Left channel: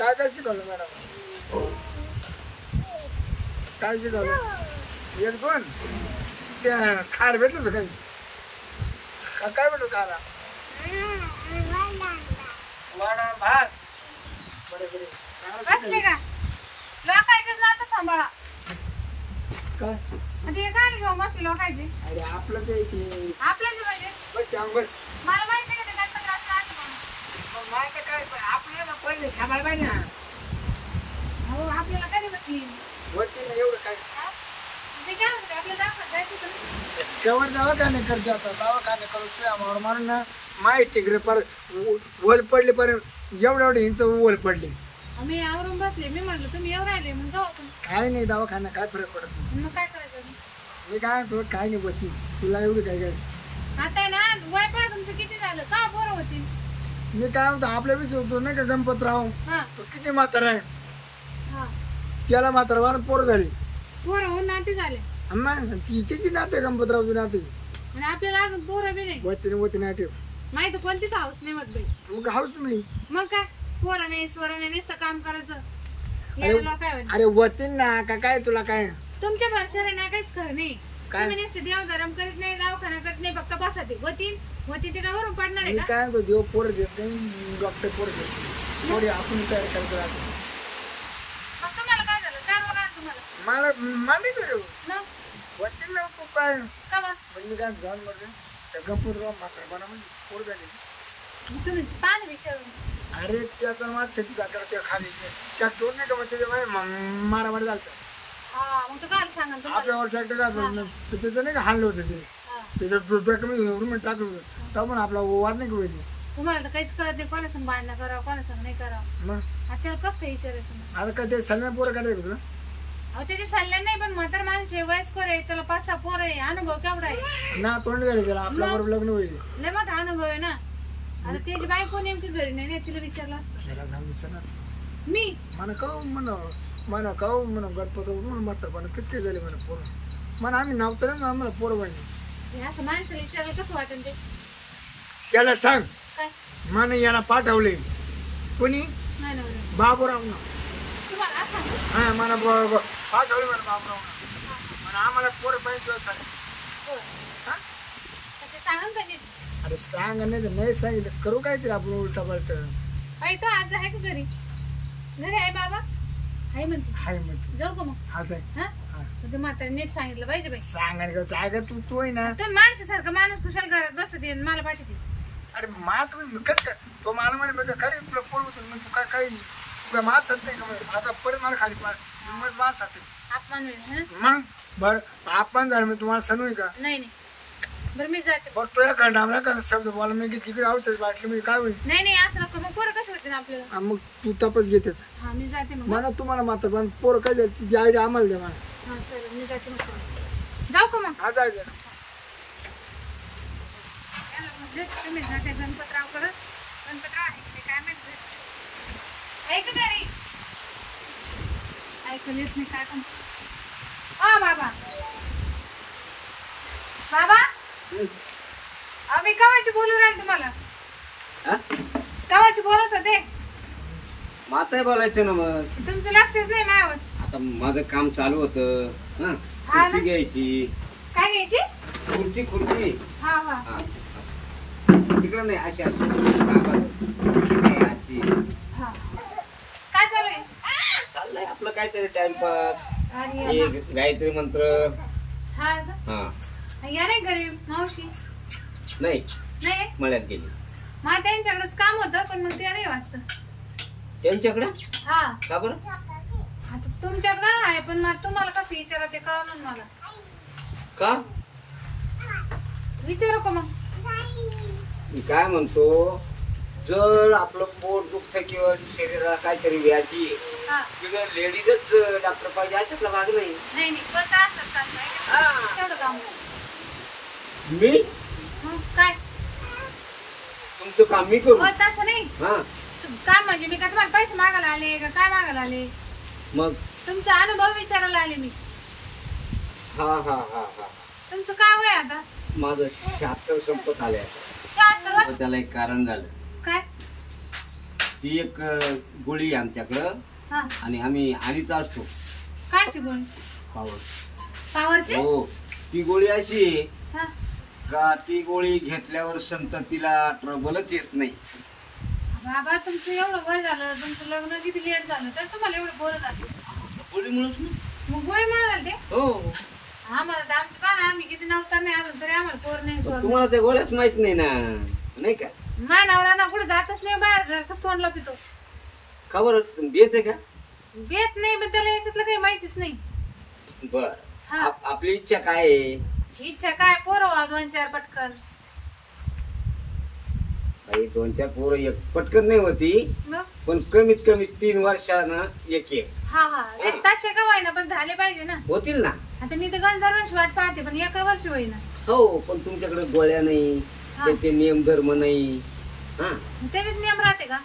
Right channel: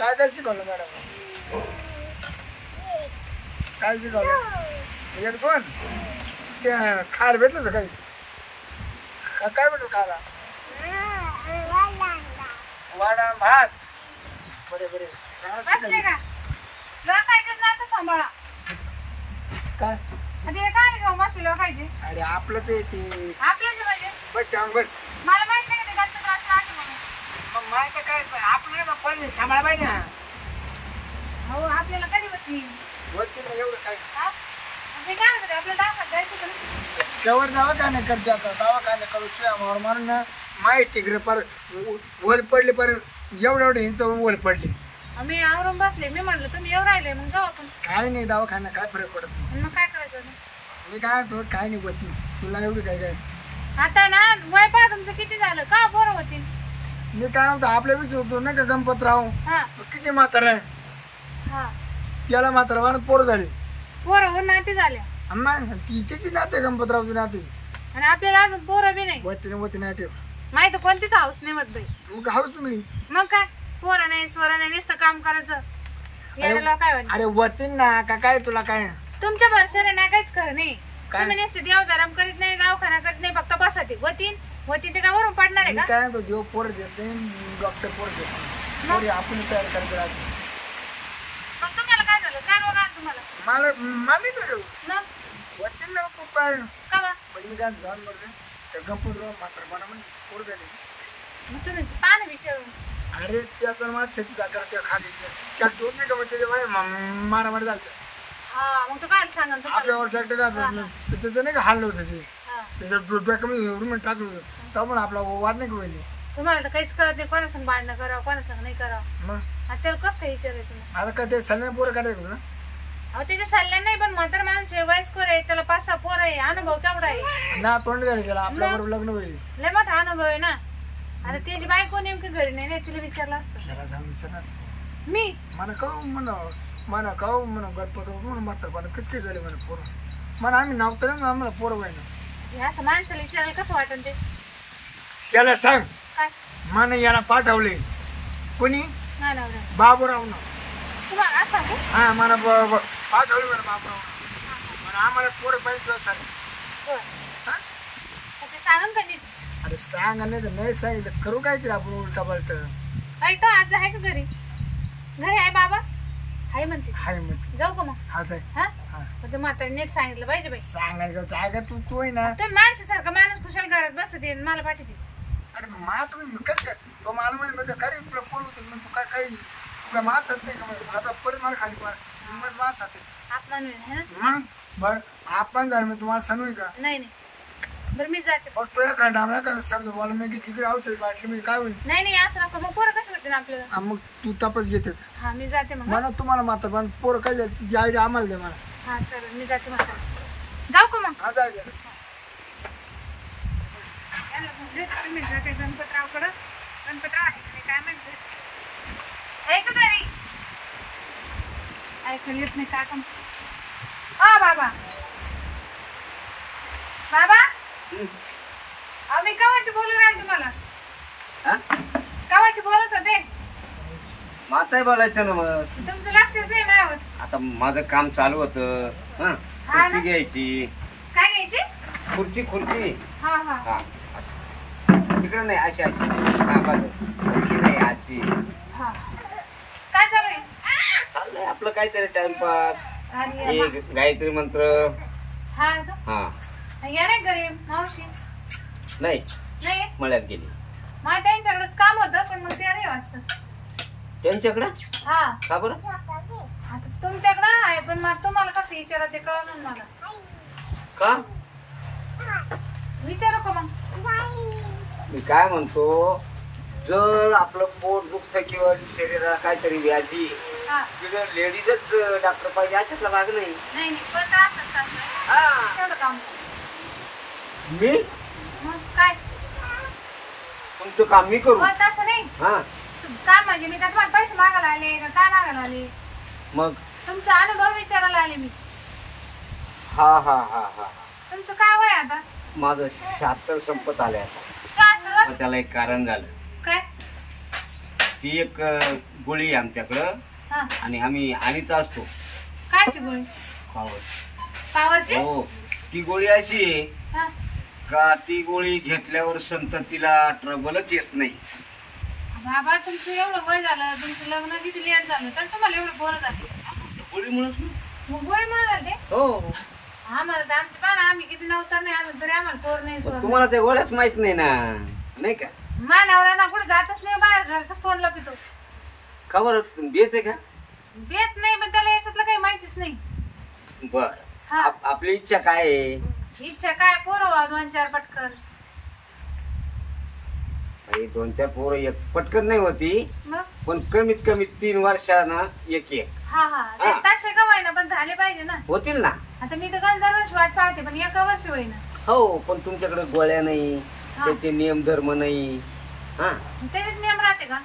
काय काय शिकवलं मॅडम? काय शिकवलं? एक दोन ते खायला भेटलं होतं काही? काय भेटलं खायला? वडा भात. बरे बरे बसले का लोकांचे नातं सांभाळा काय? ते काय घेऊ बसले लोकांचे अरे आपलं ते ते आपल्याच पाहिजे बस त्यावर बस. मला माहित नाही का ते जास्त त्रास राहते म्हणून मग माहिती काय आपलं पहिले सांभाळ पाहिजे ना. हो आपल्याला कधी होती वरती ना एवढं काय ते काय म्हणते आपल्याला दाखवत जायचं का केवळ दवाखाने करते आता दवाखाने करू सुया मारून ना माहिती तिकडे पर ओल पडले पर एवढं एवढे इंच ओल पडले. मी आवरून बसले मी म्हटलं तुम्ही येऊ राहिले मग जाऊ आपण काय नाही दवाखाना काय फरक पडत नाही. मग काय करायचं आता? मी काय म्हणतो काय नाही होती तुला एवढी काय काय. आता ना वय पहा तुमचं किती झालं का बरं होतील मी काय म्हणतो आपल्या विषयी होतो नाही का गणपतराव हा तो किती म्हातारा आहे हा त्याला म्हातारा पोर झाली पोरं होऊन नाती झाल्या अम्मा ती तिची नाते गणपतरावची नाते आणि आपल्याला अजून पोरं बी नाही वती नाही ठेव माहिती कोणतीच हाऊस नाही मत बाई मग हाऊस तुम्ही मग काय पोरं नाही सोरं नाही नुसतं काम करायचं याला काय वाटतं अरे वतीन ना का काय तुला काय तुमच्या भरशाने नाही काहीच खरं नाही काय? तुम्ही नुसते देवधर्म करीत नाही दवाखाना करीत नाही फक्त बसाते होतीन ते का वरून पडणार आहे मी का काय म्हणतो देव पोर देत नाही डॉक्टर पोर देत नाही पोरी आपण तयार करायचं राहते. मग तुम्हाला काय झालं काय रोग आला तुम्हाला मला नाही का देऊ मग वतीन ना तू काय का बा पण मी काय जाऊन बरं त्या गणपतराव म्हातारा मला म्हणजे पोर झाली. मग तुम्ही पान विचारून अरे त्याचा माझ शेती जाकर त्या खाली त्या टोर नाही का मग त्याच्या मारामारी झालं हा मग तो काय सांगा तुम्हाला आपल्यावर ट्रॅक्टर घातलं त्याचं नाही का हाणलं होतं ते हा. त्याच्या डोक्या मी रुमेट टाकलं होतं तेव्हा पण आपला वाद नाही का होईल. तुम्हाला तर काहीच कळत नाही कोणा संग भांडणं करावं कोणा संग नाही करावं मग आता त्याला कसं काय विचारायचं मग आता काय ते सल्ल्याने पोरं काढायचं तुला अहो त्याच्या सल्ल्या नाही पण म्हातार माणूस आहे वयस्कर आहे त्याला 5-6 पोरं आहे अनुभव केवढा आहे ना तोंड झालं त्याला आपल्याबरोबर लग्न होईल. लय मोठा अनुभव आहे ना आता त्याची बायको नेमकी घरी नाही तुला विचारलं असतं त्याला जाऊन विचारणार मी मला काऊ म्हणा काऊ म्हणा गणपती म्हणून म्हातारपणा कसं काय झाले म्हणा पोरं म्हणा आम्ही नाव तर आम्हाला पोरं पाहिजे. हे असं माणसाला विचारायला कसं वाटन ते त्याला सांग काय मला याला पाठवले कोणी नाही नवरा बाबूराव ना तुम्हाला असं सांगू हा मला पाठवले म्हणा बाबूराव ना म्हणा आम्हाला पोरं पाहिजे सांग. बरं हा तर ते सांगन का नीट अरे सांग नाही तर नाही सांगितलं करू काय केलं आपण उलटा पालट बाई तो आज आहे का घरी आहे बाबा हाय म्हणते हाय म्हणते जाऊ का मग हाच आहे हा हा मग ते म्हातारी नीट सांगितलं पाहिजे बाई सांगायला जाय का तू आहे ना. तुम्ही माणसासारखं माणूस खुशाल घरात बसत येईल मला पाठवते अरे मास म्हणजे कसं काय तो मला म्हणे म्हणजे काय रे तुला पोर होते मग तू काय काही तू काय मास खात नाही का मग आता परत मला खाली पार मग मास खाते अपमान होईल है ना मग बरं आपण झालं मी तुम्हाला सनू का नाही नाही बरं मी जाते बघ तुझ्या कंटाळा का शब्द बोला मी तिकडे औषध वाटली म्हणजे काय होईल. नाही नाही असं नको मग पोरं कशी होते ना आपल्याला हा, मग तू तपास घेते हा मी जाते मग मला तुम्हाला मात्र पण पोरं काय झाली तिची आयडिया आम्हाला दे मला. हा चल मी जाते मग जाऊ का मग हा जायचं तुम्ही जाते गणपतरावकडं गणपतराव आहे का नाही काय माहिती आहे का घरी ऐकून येत नाही काय पण हा बाबा बाबा मी कवाची बोलू राहिले तुम्हाला कवाची बोलत होते माताही बोलायचं ना मग तुमचं लक्षच नाही माझ्यावर आता माझं काम चालू होतं हा खुर्ची ना? घ्यायची काय घ्यायची खुर्ची हा हा हा तिकडे नाही अशी अशी नाही अशी हा काय चालू आहे चाललंय आपलं काहीतरी टाइमपास आणि एक गायत्री मंत्र हा का? हा या नाही घरी मावशी नाही नाही मळ्यात गेली मला त्यांच्याकडेच काम होतं पण मग ते नाही वाटतं त्यांच्याकडे हा का बरं आता तुमच्याकडे आहे पण मग तुम्हाला कसं विचारा ते कळलं मला का विचारू का मग मी काय म्हणतो जर आपलं पोट दुखतं किंवा शरीराला काहीतरी व्याधी हा लेडीजच डॉक्टर पाहिजे अशातला भाग नाही नाही नाही पण काय असत हा. तेवढं काम मी मग काय तुमचं काम मी करू हो तसं नाही हा काम म्हणजे मी काय तुम्हाला पैसे मागायला आले का काय मागायला आले मग तुमचा अनुभव विचारायला आले मी हा हा हा हा तुमचं काय वय आता माझं 76 संपत आलंय आता 76 पण त्याला एक कारण झालं काय ती एक गोळी आहे आमच्याकडं हा आणि आम्ही आणीत असतो कायची गोळी पावर. पावरची हो ती गोळी अशी आहे हा का ती गोळी घेतल्यावर संततीला ट्रबलच येत नाही. बाबा तुमचं एवढं वय झालं तुमचं लग्न किती लेट झालं तर तुम्हाला एवढं पोरं झाले गोळीमुळेच ना. मग गोळी म्हणून झाले हो आम्हाला तर आमची पाना आम्ही किती नव्हता नाही अजून तरी आम्हाला पोर नाही सोड तुम्हाला त्या गोळ्याच माहित नाही ना नाही का. मानावरा ना कुठे जातच नाही बाहेर घरातच तोंडला पितो खबर बेत आहे का. बेत नाही पण त्याला याच्यातलं काही माहितीच नाही. बर हा. आपली इच्छा काय आहे. इच्छा काय पोरं 2-4 पटकन. बाई 2-4 पोरं एक पटकन नाही होती मग पण कमीत कमी 3 वर्षांना एक एक हा हा हा. ताशे का होईना पण झाले पाहिजे ना. होतील ना. आता मी तर गण दरवर्षी वाट पाहते पण एका वर्षी होईना. हो पण तुमच्याकडे गोळ्या नाही हा. त्याचे नियम धर्म नाही. हा त्याच्यात नियम राहते का.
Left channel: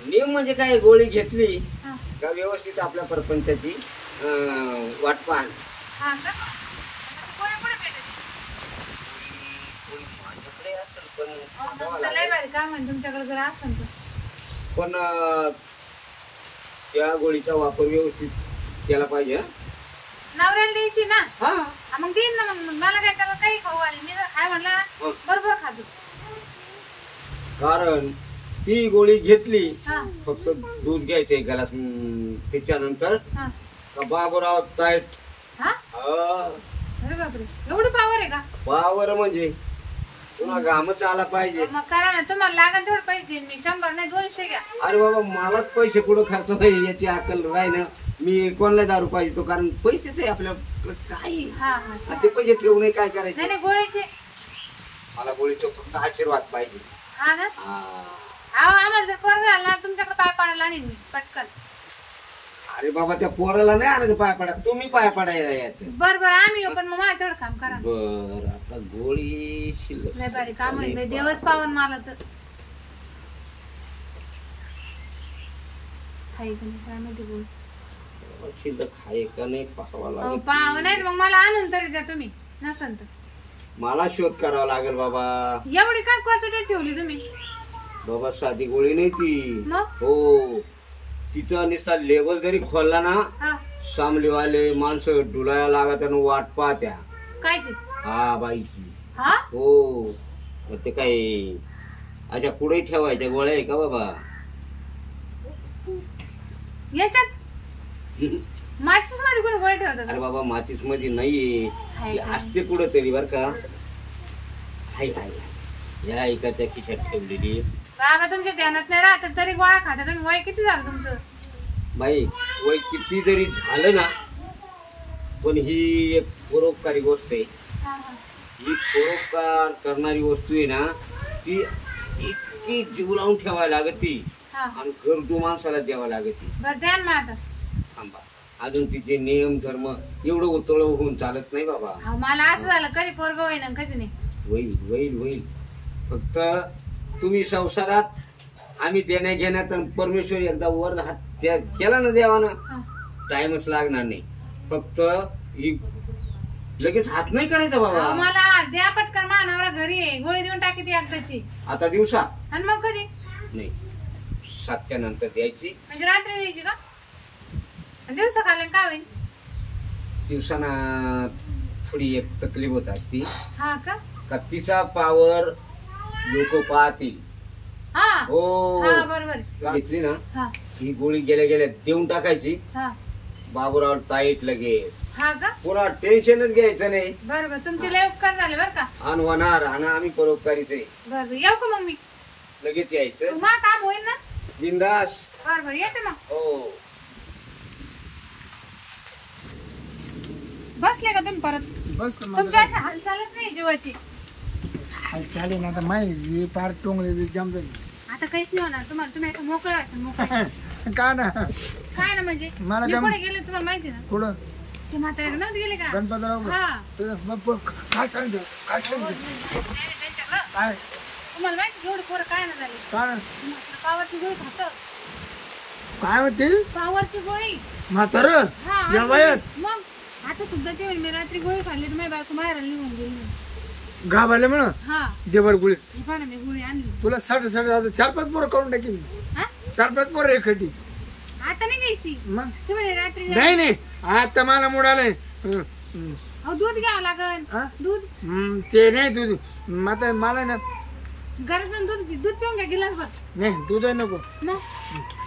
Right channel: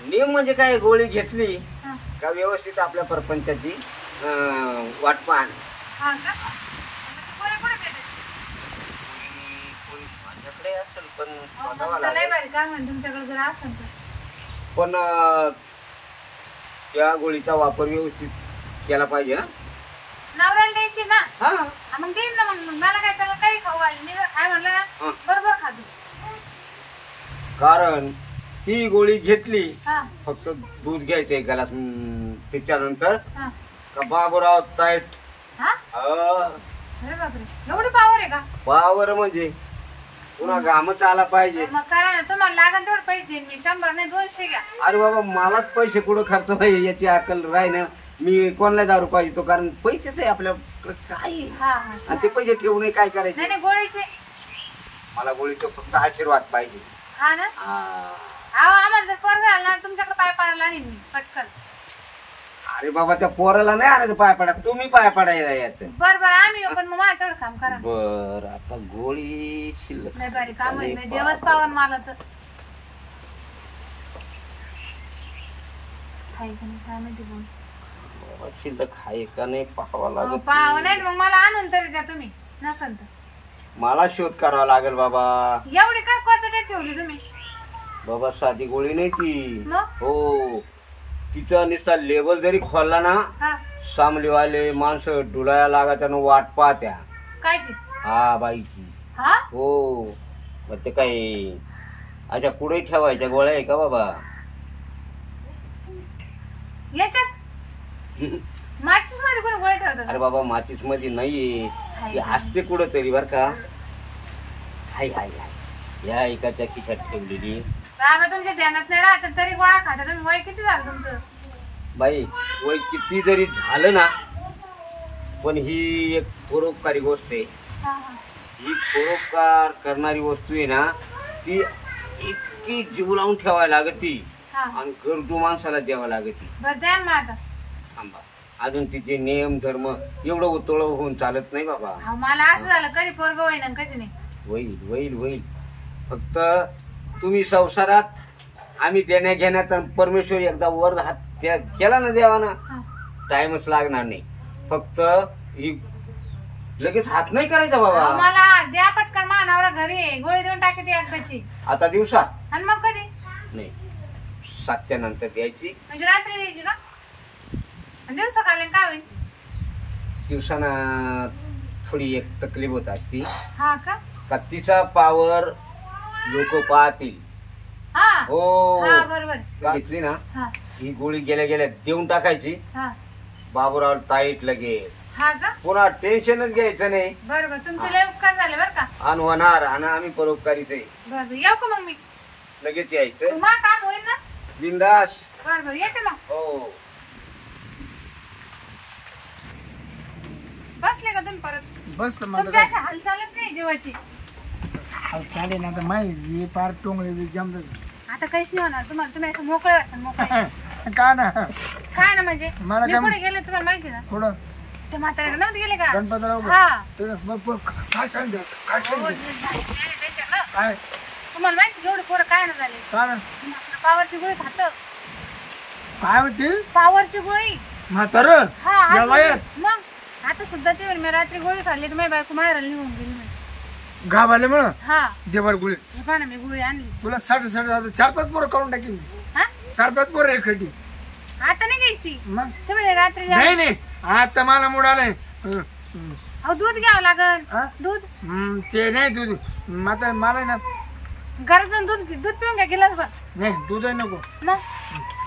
नियम म्हणजे काय गोळी घेतली हा का व्यवस्थित आपल्या परपंचाची वाट पाहणं. हा का मग ती गोळी कुठे भेटेल. गोळी माझ्याकडे असेल पण अहो, शोधावं मग त्याला लागेल. भारी काम आहे तुमच्याकडे जर असेल तर. पण त्या गोळीचा वापर व्यवस्थित केला पाहिजे. हं? नवऱ्याला द्यायची ना. हा हा, मग देईन ना. मग मला काय त्याला काही खाऊ घालीन मी जर काय म्हणलं ना हा. बरोबर खातो. कारण ती गोळी घेतली हा फक्त दूध घ्यायचं एक ग्लास त्याच्यानंतर हा का बाबूराव ताईट. हा अरे बापरे एवढी पावर आहे का. पावर म्हणजे पुन्हा घामच आला पाहिजे. मग करा ना तुम्हाला लागेल तेवढं पैसे देईन मी 100 नाही 200 घ्या. अरे बाबा मलाच पैसे कुठं खर्च पाहिजे याची अक्कल राही ना. मी कोणाला दारू पाहिजे तो कारण पैसेच आहे आपल्याकडे काय. हा हा आणि ते पैसे ठेवून काय करायचे. नाही नाही गोळीचे. मला गोळीचा फक्त आशीर्वाद पाहिजे. हा ना हा. अहो आम्हाला जर पोरं झालं ना तुमच्याकडे पाय पाडायला आणीन मी पटकन. अरे बाबा त्या पोराला नाही आणायचं पाय पडा तुम्ही पाय पडायला याचं. बर बर आणू येऊ पण मग मला तेवढं काम करा. बर आता गोळी शिल्लक नाही भारी काम आहे देवच पावन मला तर. खाई का नाही काय माहिती बोल. बाबा, शिल्लक आहे का नाही पाहावं लागेल. पाव नाही मग मला आणून तरी द्या तुम्ही नसन तर. मला शोध करावा लागेल बाबा. एवढी का क्वांटिटी ठेवली तुम्ही. बाबा साधी गोळी नाही ती. मग हो तिचा नुसता लेबल जरी खोलला ना हा सामलीवाले माणसं डुलाया लागत त्यानं वाट पाहत्या. कायची. हा बाईची. हा हो मग ते काय अच्छा कुठे ठेवायच्या गोळ्या आहे का बाबा. याच्यात माचीस मध्ये कोणी गोळी ठेवत. अरे बाबा माचीस मध्ये नाहीये हाय ती का? असते कुठं तरी बर का. हाय हाय हाय या एकाच्या खिशात ठेवलेली. बाबा तुमच्या ध्यानात नाही राहत तरी गोळा खाता तुम्ही. वय किती झालं तुमचं. बाई वय किती जरी झालं ना पण ही एक परोपकारी गोष्ट आहे. हा हा ही परोपकार करणारी वस्तू आहे ना ती इतकी जीव लावून ठेवायला लागती हा आणि गरजू माणसाला द्यावा लागती. बर द्या ना मग आता. थांबा अजून तिचे नियम धर्म एवढं उतळ होऊन चालत नाही बाबा. अहो, मला असं झालं कधी पोरग होईना कधी नाही. होईल होईल होईल. फक्त तुम्ही संसारात आम्ही देण्या घेण्यात आणि परमेश्वर एकदा वर हात केला ना देवाना हा. टाइमच लागणार नाही. फक्त ही लगेच हात नाही करायचा अहो, बाबा. मला द्या पटकन मानावरा घरी आहे. गोळी देऊन टाकी ती एकदाची. आता दिवसा आणि मग कधी नाही 7च्या नंतर द्यायची. म्हणजे रात्री द्यायची का. दिवसा खाल्लं काय होईल. दिवसाना थोडी एक तकलीफ होत असती हा का का तिचा पावर लोक पाहतील. हा हो हा बरोबर. घेतली ना हा ही गोळी गेल्या गेल्या देऊन टाकायची. हा बाबूराव ताईट लगेच हा का पुन्हा टेन्शनच घ्यायचं नाही. बरोबर तुमचे लय उपकार झाले बर का. आणि होणार आणि आम्ही परोपकारीच आहे. बरोबर येऊ का मग मी. लगेच यायचं मग काम होईल ना. बिंदास. बरोबर येते मग. हो बसले का तुम्ही परत. बस तर तुमची अशी हालचालच नाही जीवाची. चालेल ना आता माहिती पार टोंगळे जमत आता काहीच नाही होणार तुम्हाला. तुम्ही असं मोकळे वाटल मोकळे. का ना काय ना म्हणजे मला मी काय- पुढे गेले तुम्हाला माहिती ना. पुढं ते म्हाताऱ्याकडे नव्हते गेले का. गणपतराव हा काय सांगितलं काय हो, सांगितलं त्यांच्याकडं. काय तुम्हाला माहिती एवढे पोरं काय ना झाले. काय पावरची गोळी खात. काय होती पावरची गोळी. म्हातार हा या आज वयात मग आता सुद्धा ते म्हणे, मी रात्री गोळी खाल्ली तर माझी बायको माहेराला निघून गेली म्हणे. गावाले म्हण हा देवर गुळी हे पहा ना मी गोळी आणली. तुला 60 4-5 पोरं काढून टाकेल. हा 4-5 पोरं आहे खटी. आता नाही घ्यायची मग ते म्हणे रात्री जा. नाही नाही आता मला मूड आलाय. अहो दूध घ्यावं लागल. हा? दूध ते नाही दूध आता मला ना गरज दूध दूध पिऊन घ्या गिलास भर. नाही दूध नको मग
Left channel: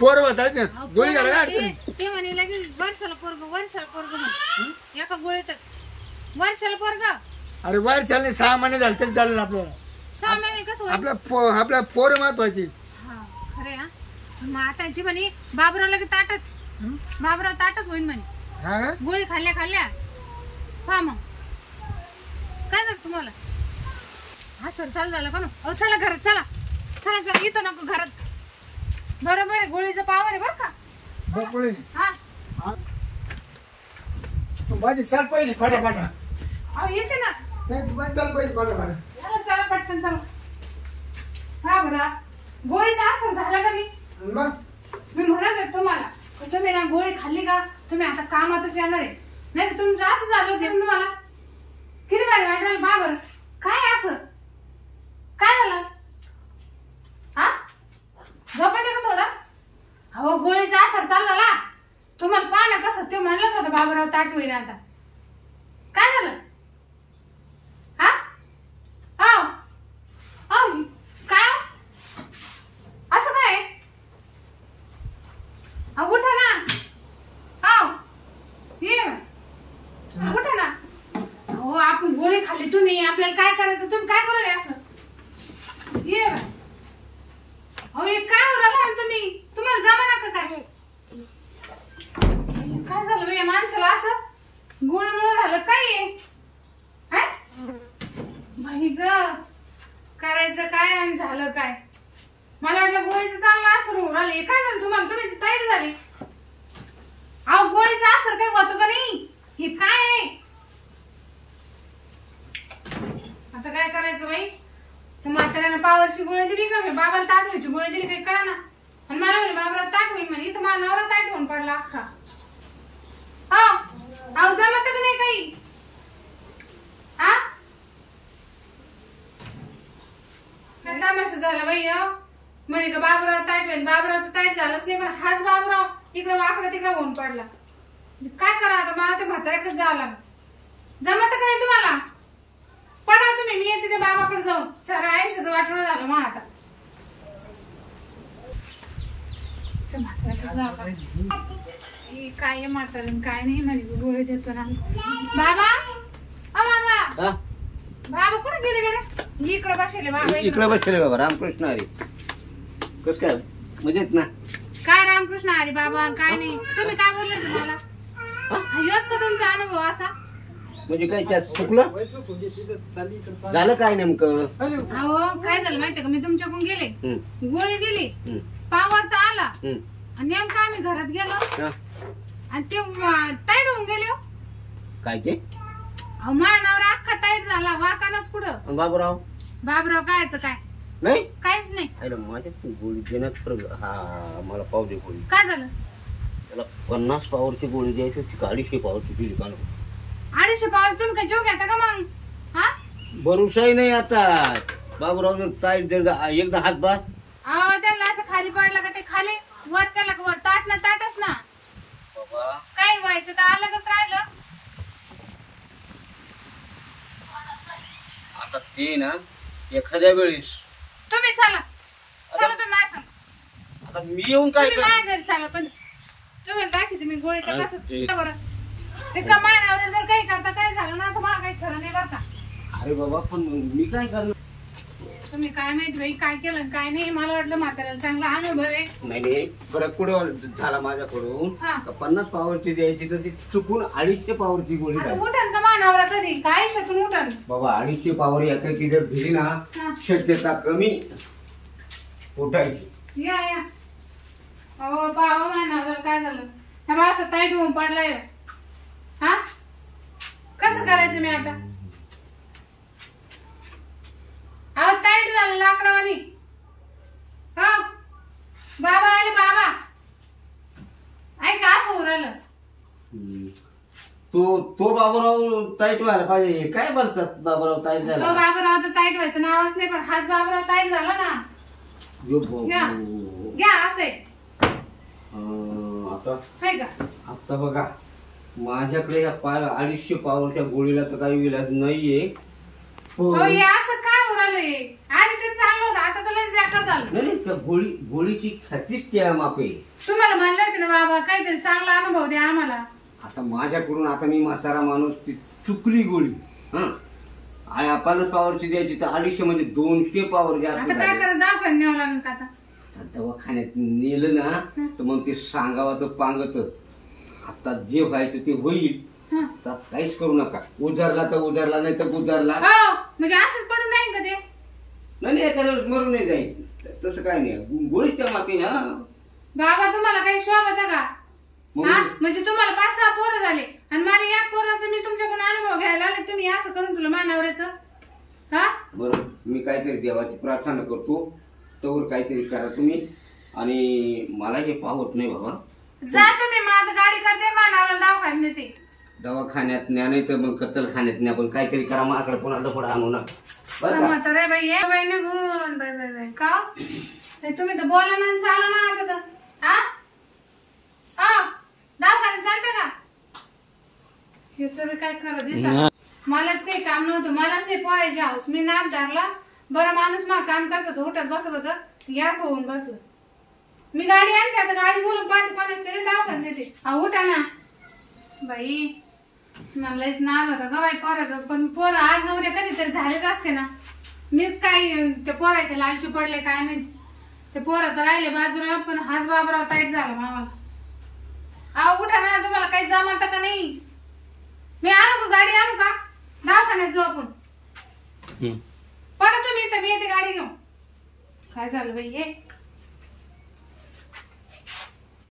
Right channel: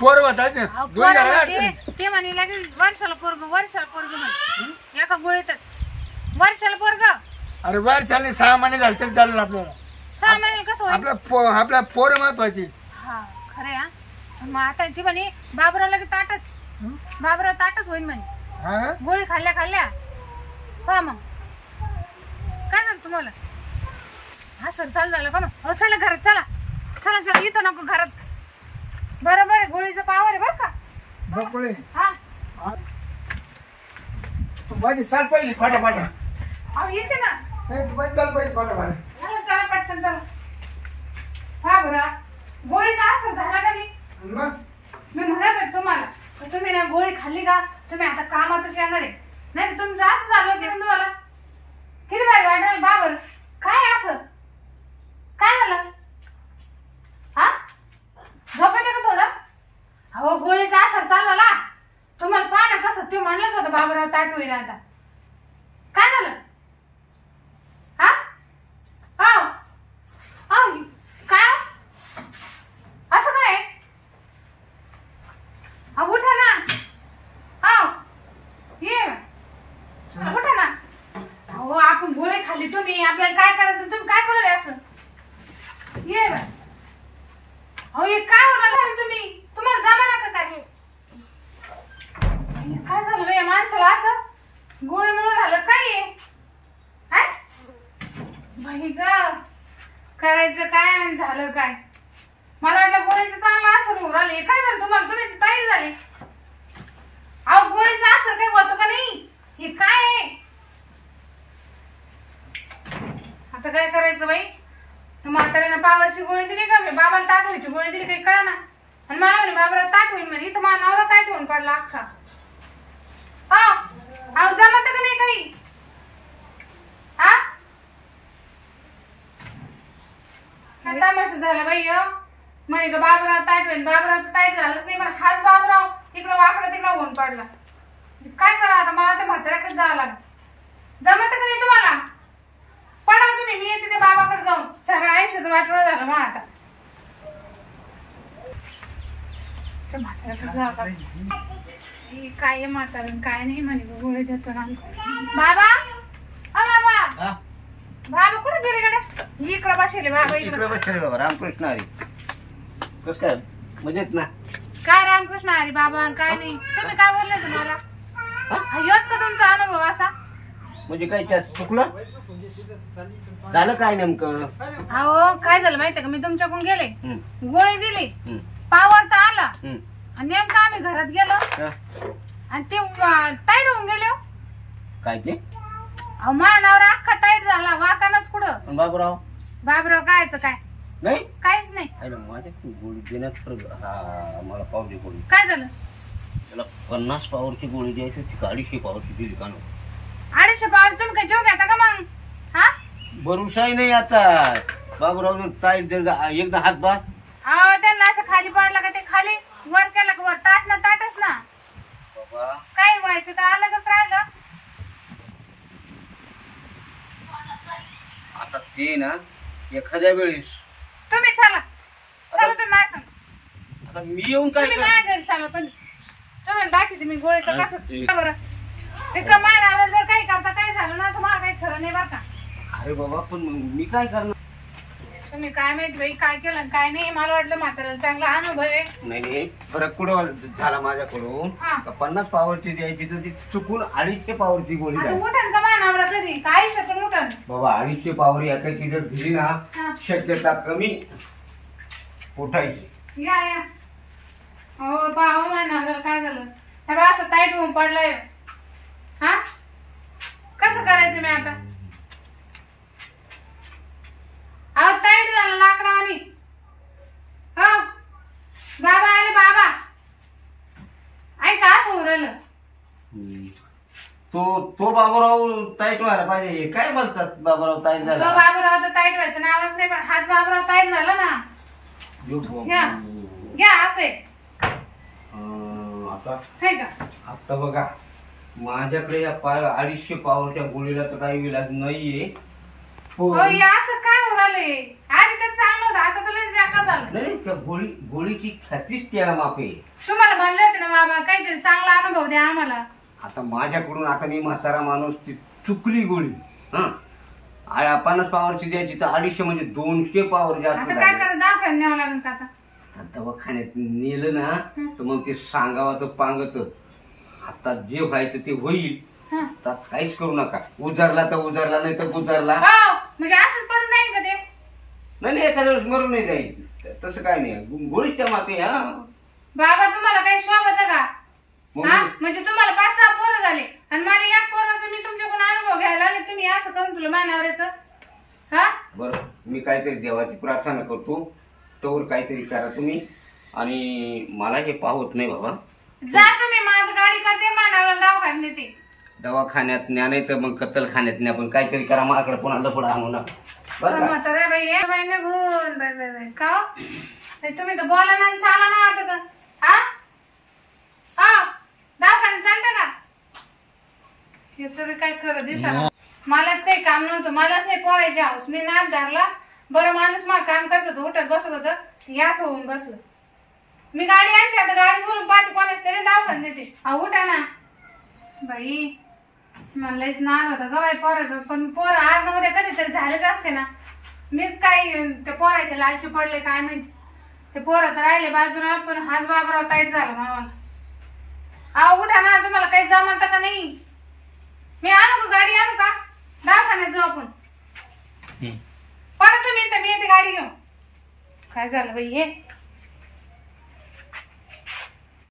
पोर होतात ना अहो, दूध पोरं घ्यायला म्हणते, अडचण. ते म्हणे लागेल वर्षाला पोरग म्हण एका गोळीतच वर्षाला पोरग. अरे वर चालले 6 महिने झाले तरी चालेल आपल्याला. 6 महिन्याला कसं होईल? आपल्या पोर महत्वाची. हा खरे हा. पण मग आता ती म्हणे बाबराव लगे ताटच बाबराव ताटच होईल म्हणे. हा का? गोळी खाल्ल्या पहा मग काय झालं तुम्हाला? हा सर चालू झालं का ना? हो चला घरात चला चला चला इथं नको घरात. बरोबर आहे गोळीचं पावर आहे बरं का. बकुळे हा माझी चाल पहिली फाटा. अहो येते ना. नाही तू चाल पहिली फाटा. चला चला पटकन चला. हा बरा गोळीचा असर झाला का नाही? मग मी म्हणत आहे तुम्हाला तर तुम्ही ना गोळी खाल्ली का तुम्ही आता कामातच येणार आहे. नाही तर तुमचं असं झालं होतं तुम्हाला किती भारी वाटेल बाबर. काय असं काय झालं? हा झोपत आहे का थोडं? अहो गोळीचा असर चालला तुम्हाला पहा ना कसं ते म्हणलंच होतं बाबराव ताट होईना. आता काय झालं? हा हो हो काय असं काय? अहो उठा ना. हो ये उठा ना. अहो आपण गोळी खाल्ली तुम्ही आपल्याला काय करायचं तुम्ही काय करायला असं ये. अहो हे काय होणार तुम्ही तुम्हाला जमा का काय? काय झालं बे माणसाला असं गोळीमुळे झालं काय? बाई ग करायचं काय आणि झालं काय? मला वाटलं गोळीचं चांगला असर होऊन राहिले. काय झालं तुम्हाला? तुम्ही ताईट झाले. अहो गोळीचा असर काही होतो का नाही? हे काय आहे? आता काय करायचं बाई? म्हाताऱ्यानं पावरची गोळी दिली का? मी बाबाला ताट व्हायची गोळी दिली काही कळा ना. आणि मला म्हणे बाबराव ताट होईल म्हणे. इथं मला नवरा ताट होऊन पडला अख्खा. अहो जमत का नाही काही? हा तमाशा झाला बाई. म्हणे का बाबराव ताट होईल. बाबराव तर ताट झालंच नाही पण हाच बाबराव इकडं वाकडं तिकडं होऊन पडला. काय करा आता मला ते म्हाताऱ्याकडे जावं लागलं. जमत का नाही तुम्हाला? पडा तुम्ही मी येते त्या बाबाकडे जाऊन. साऱ्या आयुष्याचं वाटोळं झालं मग आता त्या म्हाताऱ्याकडे जावं लागलं. काय म्हातारण काय नाही म्हणे गोळी देतो ना बाबा. बाबा बाबा कुठे गेले कडे? इकडे बसले बाबा. इकडे बसले बाबा. रामकृष्ण हरी. कस काय मजेत ना? काय रामकृष्ण हरी बाबा काय नाही. तुम्ही काय बोलले तुम्हाला? योच का तुमचा अनुभव असा? म्हणजे काय त्यात चुकलं झालं काय नेमकं? अहो काय झालं माहितीये का? मी तुमच्याकडून गेले गोळी दिली पावर तर आला आणि नेमकं आम्ही घरात गेलो आणि ते ताईट होऊन गेले. काय ते? अहो मानावर अख्खा ताईट झाला वाकानच कुठं. बाबूराव बाबराव कायचं काय नाही काहीच नाही. माझ्या गोळी देण्यात फरक. हा मला पावली गोळी. काय झालं? त्याला 50 पावरची गोळी द्यायची होती. 250 पावरची दिली का? 250 पावर तुम्ही काय जेव घेता का मग? हा भरोसाही नाही आता. बाबूराव ताईट एकदा हात बात. अहो त्यांना असं खाली पडलं का ते खाली वर केलं का वर ताट ना ताटच ना. काय व्हायचं तर अलगच राहिलं. आता ते ना एखाद्या वेळेस तुम्ही चला चला तुम्ही माझ्या संग. आता मी येऊन काय तुम्ही माझ्या घरी चला पण तुम्ही दाखवते मी गोळीचं कसं बरं. ते कमायला जर काही करता काय झालं ना तर मला काही खरं नाही बरं का. अरे बाबा पण मग मी काय करणार? तुम्ही काय माहिती बाई काय केलं आणि काय नाही. मला वाटलं म्हाताऱ्याला चांगला अनुभव आहे. नाही फरक कुठं झाला माझ्याकडून. 50 पावरची द्यायची तर ती चुकून 250 पावरची गोळी झाली. उठन का मानावरा कधी काय शेतून उठन बाबा 250 पावर एकाची जर दिली ना शक्यता कमी उठायची. या या. हो बाबा मानावरा काय झालं? हे बा असं ताईट होऊन पडलंय. हा कसं करायचं मी आता? अहो ताईट झालं लाकडावानी. हो बाबा अरे बाबा ऐका असं उरलं. तो बाबूराव ताईट व्हायला पाहिजे. काय बोलतात बाबूराव ताईट तो झाला? बाबूराव तर ताईट व्हायचं नावच नाही पण हाच बाबूराव ताईट झाला ना. घ्या घ्या असे आता आहे का? आता बघा माझ्याकडे या 250 पावरच्या गोळीला तर काही इलाज नाहीये. हो, पण हे असं काय होऊ राहिलंय? आधी तर चांगलं होतं, आता तर लयच बेकार झालं. नाही त्या गोळीची ख्यातीच त्या मापे. तुम्हाला म्हणलं होतं ना बाबा काहीतरी चांगला अनुभव द्या आम्हाला. आता माझ्याकडून आता मी म्हातारा माणूस ती चुकली गोळी. हा 50 पावरची द्यायची तर 250 म्हणजे 200 पावर जास्त आता काय झाले. करायचं? दवाखान्यात न्यावं लागेल का आता? आता दवाखान्यात नेलं ना तर मग ते सांगावं तर पांगत. आता जे व्हायचं ते होईल. हं. आता काहीच करू नका. उजारला तर उजारला नाही तर गुजारला. हो, म्हणजे असंच पडून राहील का ते? नाही एखाद्या वेळेस मरून नाही जाईल तसं काय नाही. गोळीच त्या मागे. हा बाबा तुम्हाला काही शोभत का? मग हा म्हणजे तुम्हाला 5-6 पोरं झाले आणि मला एक पोराचं मी तुमच्याकडून अनुभव घ्यायला आले, तुम्ही असं करून तुला मानावऱ्याचं. हा बरं मी काहीतरी देवाची प्रार्थना करतो तोवर काहीतरी करा तुम्ही. आणि मला हे पाहत नाही बाबा. जा तुम्ही, माझं गाडी करते मानावऱ्याला दवाखान्यात नेते. दवाखान्यात न्या नाही तर मग कत्तलखान्यात न्या. पण काहीतरी करा. मला कडे पुन्हा लपडा आणू नका बरं का? म्हातारे बाई ये बाई निघून बाई बाई बाई का हो? नाही, तुम्ही तर बोला ना आणि चाला ना आता तर. हा हा दवाखान्यात चालते का? हे सगळं काय खरं दिसा. मलाच काही काम नव्हतं, मलाच नाही पोरायची हाऊस. मी नाद धरला. बरं माणूस मग काम करत होतं, उठत बसत होतं, यास होऊन बसलं. मी गाडी आणते आता, गाडी बोलून पाहते कोणाच तरी दवाखान्यात देते. अहो उठा ना बाई. मलाच नाद होता ग बाई पोराचं. पण पोरं आज नवरे कधीतरी झालेच असते ना. मीच काही त्या पोराचे लालची पडले काय माहिती. ते पोरं तर राहिले बाजूला, पण हाच बाबराव ताईट झाला मामाला. अहो उठा ना, तुम्हाला काही जमत का नाही? मी आणू का गाडी? आणू का? दवाखान्यात जाऊ आपण. पडा तुम्ही तर मी येते गाडी घेऊन. काय झालं बाई हे?